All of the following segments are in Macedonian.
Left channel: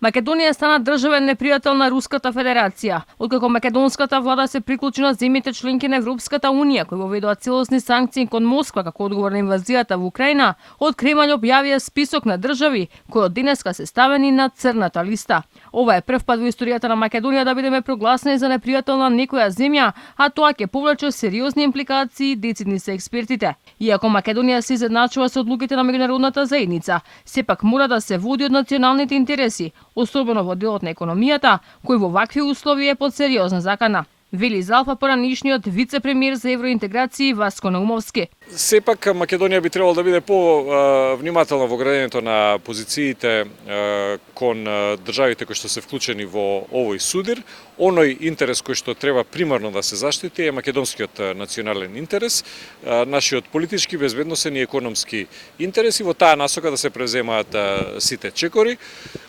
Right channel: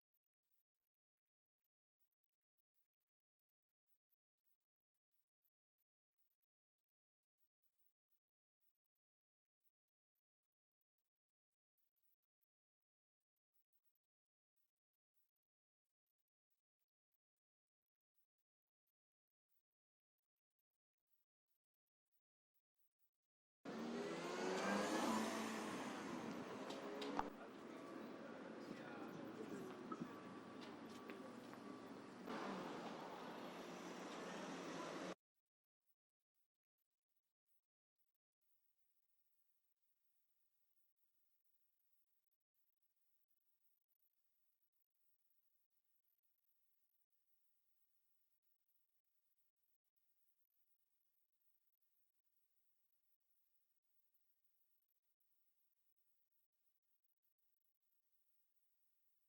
Македонија стана државен непријател на Руската Федерација, откако македонската влада се приклучи на земјите членки на Европската Унија, кои воведоа целосни санкции кон Москва како одговор на инвазијата во Украина. Од Кремљ објавија список на држави кои од денеска се ставени на црната листа. Ова е прв пат во историјата на Македонија да бидеме прогласени за непријател на некоја земја, а тоа ќе повлече сериозни импликации, децидни се експертите. Иако Македонија се изедначува со одлуките на меѓународната заедница, сепак мора да се води од националните интереси, особено во делот на економијата, кој во вакви услови е под сериозна закана. Вели за Алфа поранишниот вице-премиер за евроинтеграција Васко Наумовски. Сепак Македонија би требало да биде по-внимателна во градењето на позициите кон државите кои што се вклучени во овој судир. Оној интерес кој што треба примарно да се заштити е македонскиот национален интерес, нашиот политички, безбедносен и економски интереси, во таа насока да се преземаат сите чекори.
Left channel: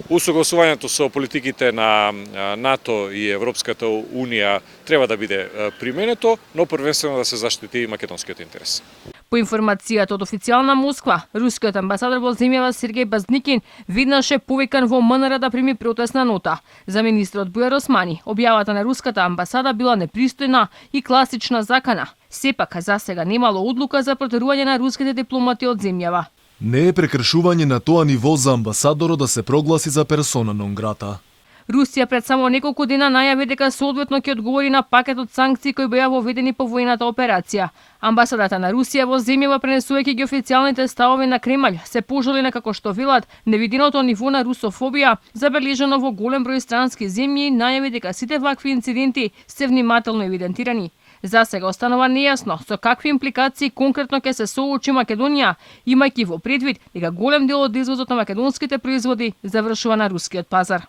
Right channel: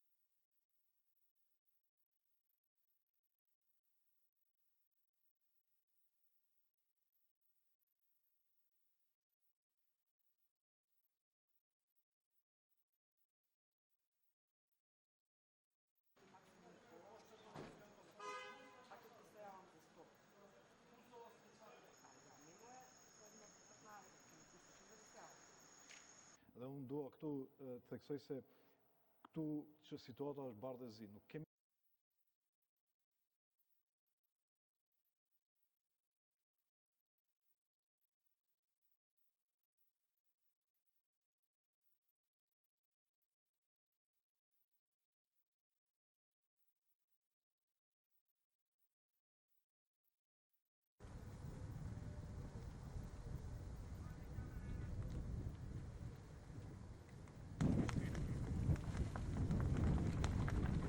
Усогласувањето со политиките на НАТО и Европската Унија треба да биде применето, но првенствено да се заштити македонскиот интерес. По информацијата од официјална Москва, рускиот амбасадор во земјава Сергеј Базникин веднаш е повикан во МНР да прими протестна нота. За министрот Бујар Османи, објавата на руската амбасада била непристојна и класична закана. Сепак, за сега немало одлука за протерување на руските дипломати од земјава. Не е прекршување на тоа ниво за амбасадорот да се прогласи за персона нон грата. Русија пред само неколку дена најави дека соодветно ќе одговори на пакетот санкции кои беа воведени по војната операција. Амбасадата на Русија во земјава, пренесувајќи ги официјалните ставови на Кремљ, се пожали на, како што велат, невиденото ниво на русофобија, забележано во голем број странски земји, и најави дека сите вакви инциденти се внимателно евидентирани. За сега останува нејасно со какви импликации конкретно ќе се соочи Македонија, имајќи во предвид дека голем дел од извозот на македонските производи завршува на рускиот пазар.